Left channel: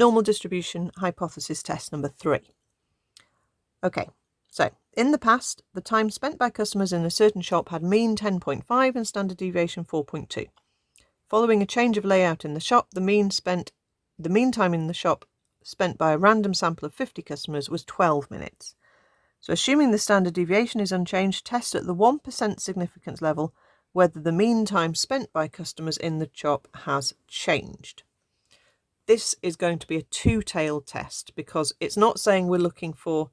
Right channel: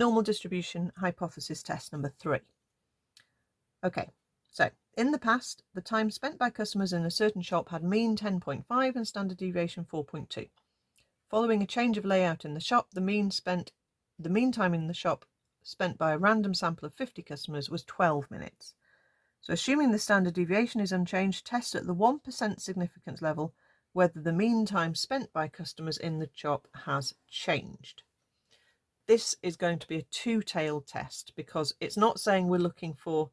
Normal distribution hypothesis test number 3. Okay, so in the past, the time spent by customers in a certain shop had mean 10.5 and standard deviation 4.2. Following a change of layout in the shop, the mean time in the shop spent by a random sample of 50 customers was 12 minutes. So assuming the standard deviation is unchanged, test at the 1% significance level whether the mean time spent by customers in the shop has changed. This is going to be a two-tailed test because it's not saying we're looking for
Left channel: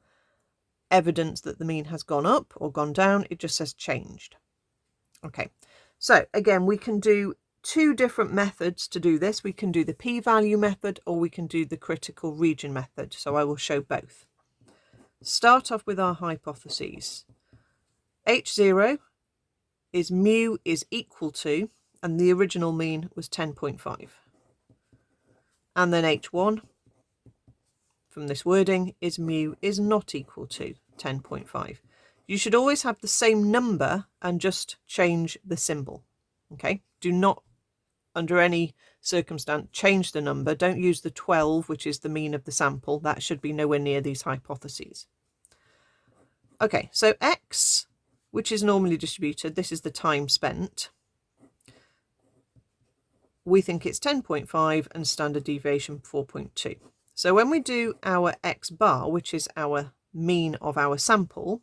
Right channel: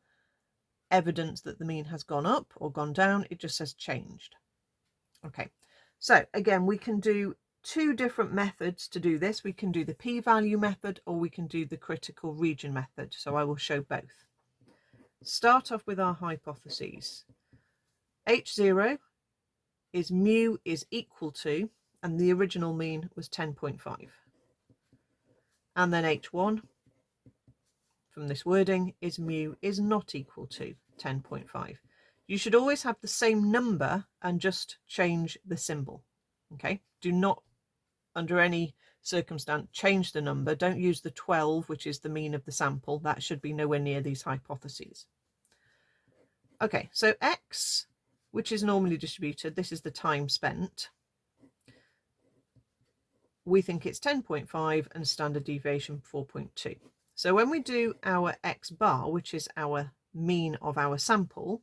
evidence that the mean has gone up or gone down, it just says changed. Okay, so again, we can do two different methods to do this. We can do the p-value method or we can do the critical region method. So I will show both. Start off with our hypotheses. H0 is mu is equal to, and the original mean was 10.5. And then H1 from this wording is mu is not equal to 10.5. You should always have the same number and just change the symbol. Okay, do not under any circumstance change the number. Don't use the 12, which is the mean of the sample. That should be nowhere near these hypotheses. Okay, so X, which is normally distributed, this is the time spent. We think it's 10.5 and standard deviation 4.2. So when we do our X bar, which is our mean of our sample,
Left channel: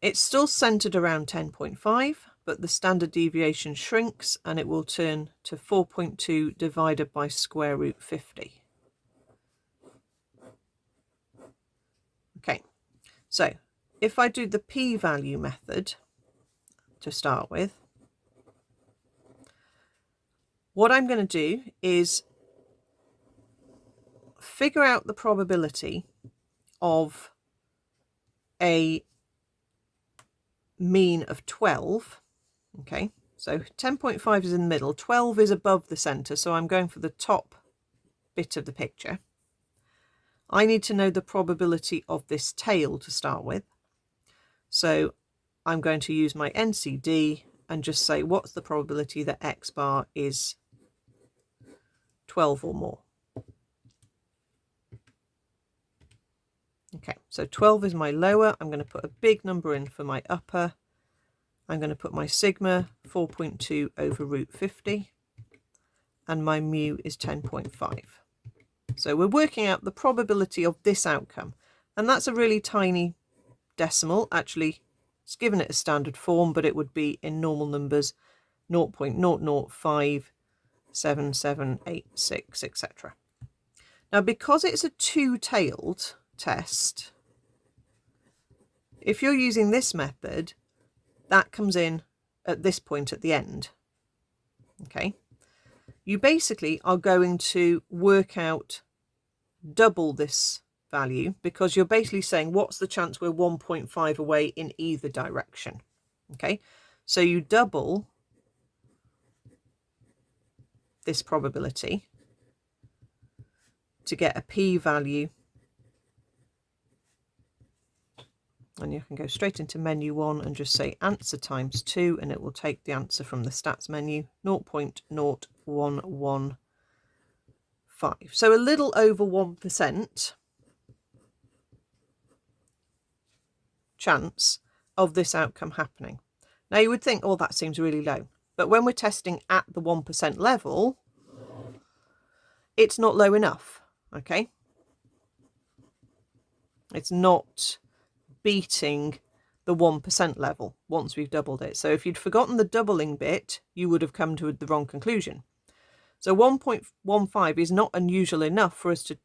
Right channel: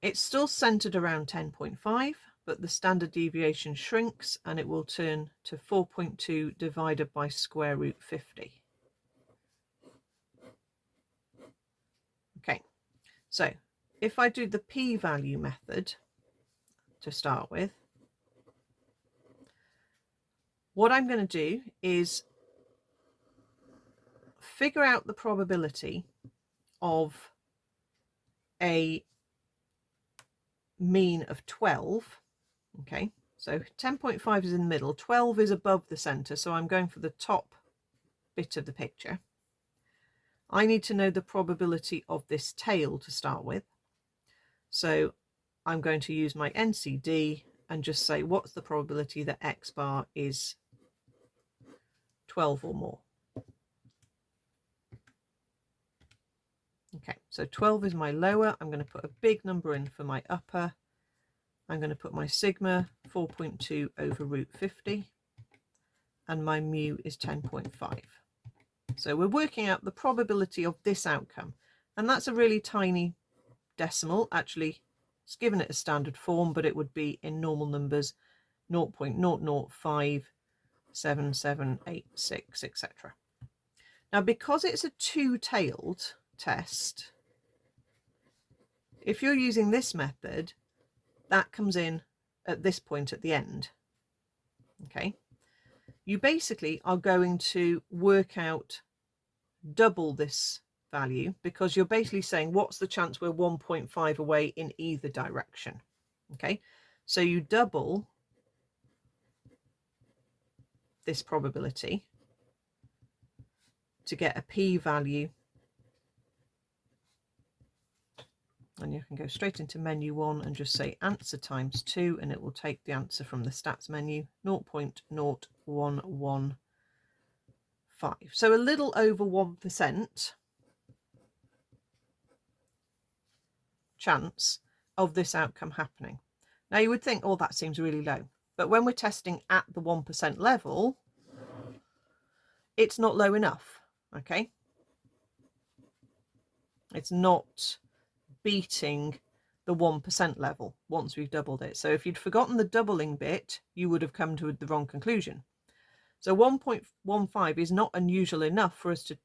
it's still centered around 10.5, but the standard deviation shrinks and it will turn to 4.2 divided by square root 50. Okay, so if I do the p-value method to start with, what I'm going to do is figure out the probability of a mean of 12. Okay, so 10.5 is in the middle, 12 is above the center, so I'm going for the top bit of the picture. I need to know the probability of this tail to start with. So I'm going to use my NCD and just say what's the probability that X bar is 12 or more. Okay, so 12 is my lower. I'm going to put a big number in for my upper. I'm going to put my sigma 4.2 over root 50 and my mu is 10.5. So we're working out the probability of this outcome, and that's a really tiny decimal. Actually, it's given it a standard form, but it would be in normal numbers 0.005778, etc. Now, because it's a two-tailed test, if you're using this method, that comes in at this point at the end. Okay, you basically are going to work out double this value because you're basically saying what's the chance we're 1.5 away in either direction. Okay, so you double this probability to get a p-value, and you can go straight into menu 1 and just say answer times 2 and it will take the answer from the stats menu, 0.0115. So a little over 1% chance of this outcome happening. Now you would think, oh, that seems really low, but when we're testing at the 1% level, it's not low enough. Okay, it's not beating the 1% level once we've doubled it. So if you'd forgotten the doubling bit, you would have come to the wrong conclusion. So 1.15 is not unusual enough for us to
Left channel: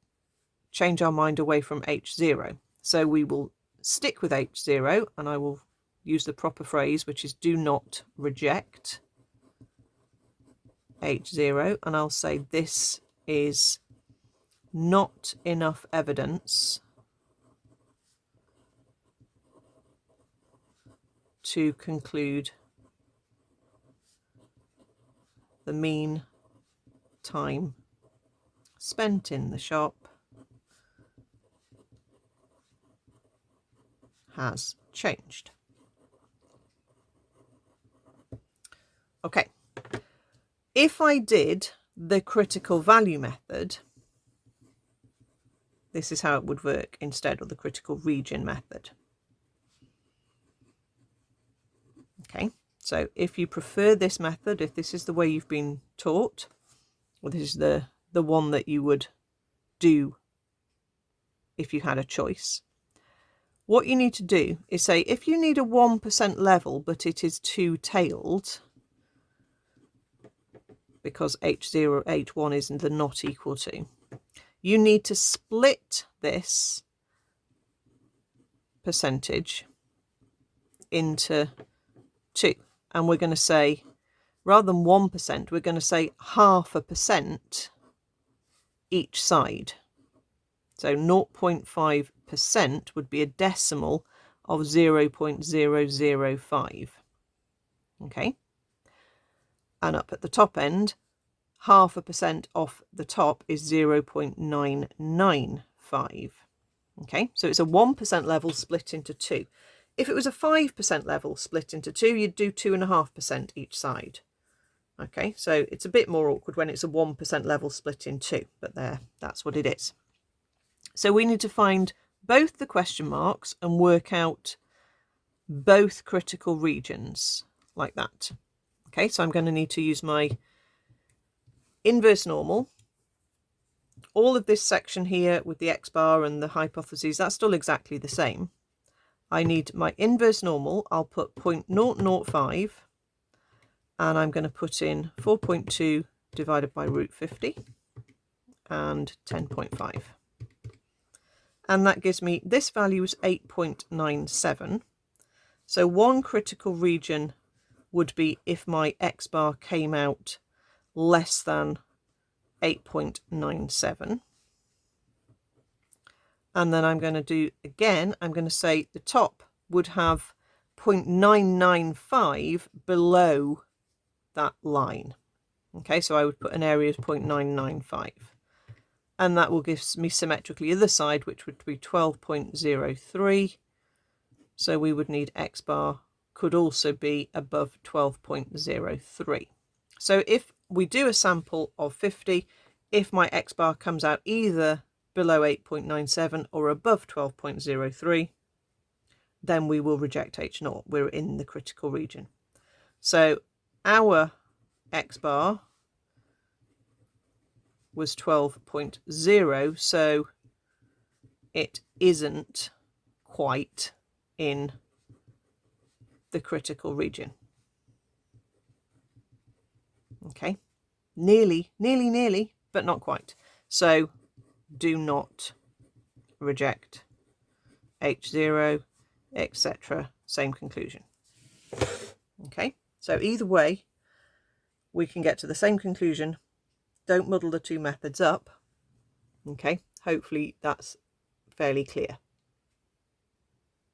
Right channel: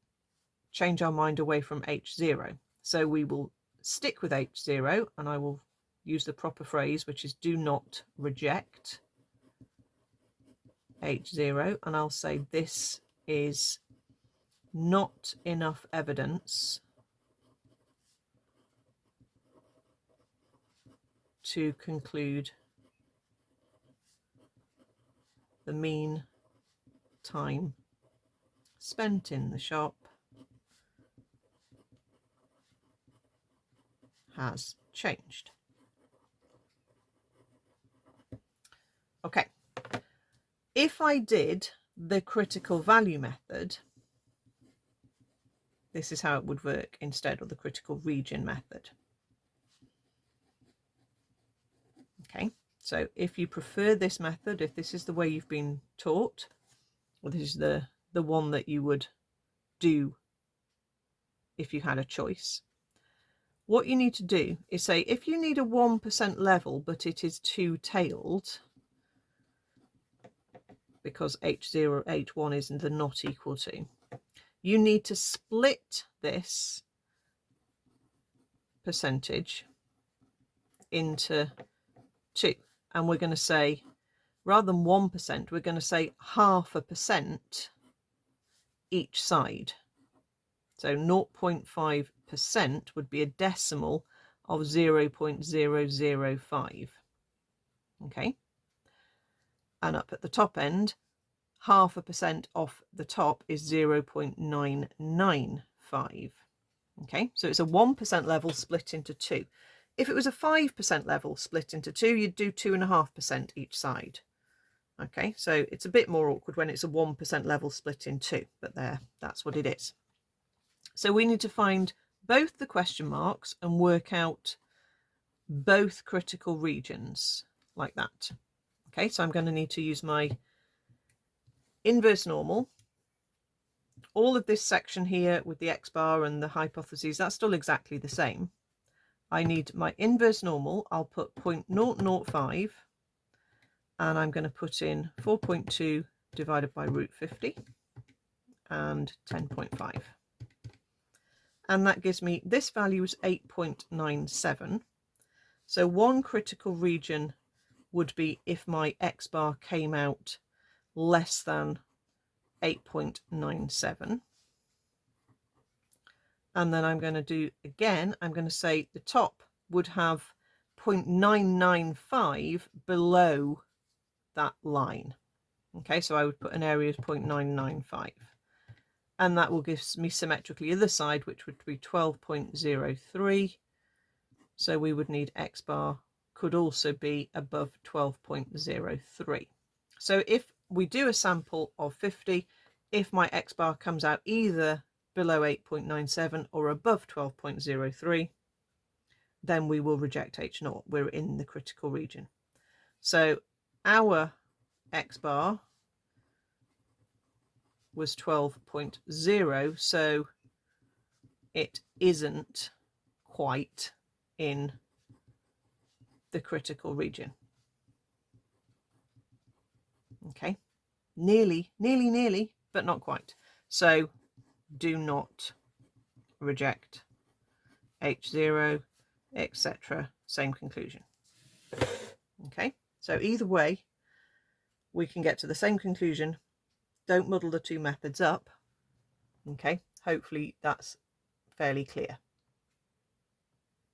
change our mind away from H0. So we will stick with H0, and I will use the proper phrase, which is do not reject H0, and I'll say this is not enough evidence to conclude the mean time spent in the shop has changed. Okay, if I did the critical value method, this is how it would work instead of the critical region method. Okay, so if you prefer this method, if this is the way you've been taught, or this is the one that you would do if you had a choice, what you need to do is say, if you need a 1% level, but it is two-tailed, because H0, H1 is the not equal to, you need to split this percentage into 2. And we're going to say, rather than 1%, we're going to say 0.5% each side. So 0.5% would be a decimal of 0.005. Okay. And up at the top end, 0.5% off the top is 0.995. Okay, so it's a 1% level split into 2. If it was a 5% level split into 2, you'd do 2.5% each side. Okay, so it's a bit more awkward when it's a 1% level split in 2, but there, that's what it is. So we need to find both the question marks and work out both critical regions like that. Okay, so I'm going to need to use my inverse normal. All of this section here with the x-bar and the hypotheses, that's still exactly the same. I need my inverse normal. I'll put 0.005 and I'm going to put in 4.2 divided by root 50 and 10.5. And that gives me, this value is 8.97. So one critical region would be if my x-bar came out less than 8.97. And then I'm going to do, again, I'm going to say the top would have 0.995 below that line. Okay, so I would put an area of 0.995. And that will give me symmetrically the other side, which would be 12.03. So we would need x bar could also be above 12.03. So if we do a sample of 50, if my x bar comes out either below 8.97 or above 12.03, then we will reject H0. We're in the critical region. So our x bar was 12.0, so it isn't quite in the critical region. Okay, nearly, but not quite. So do not reject H0, etc. Same conclusion. Okay, so either way, we can get to the same conclusion. Don't muddle the two methods up. Okay, hopefully that's fairly clear.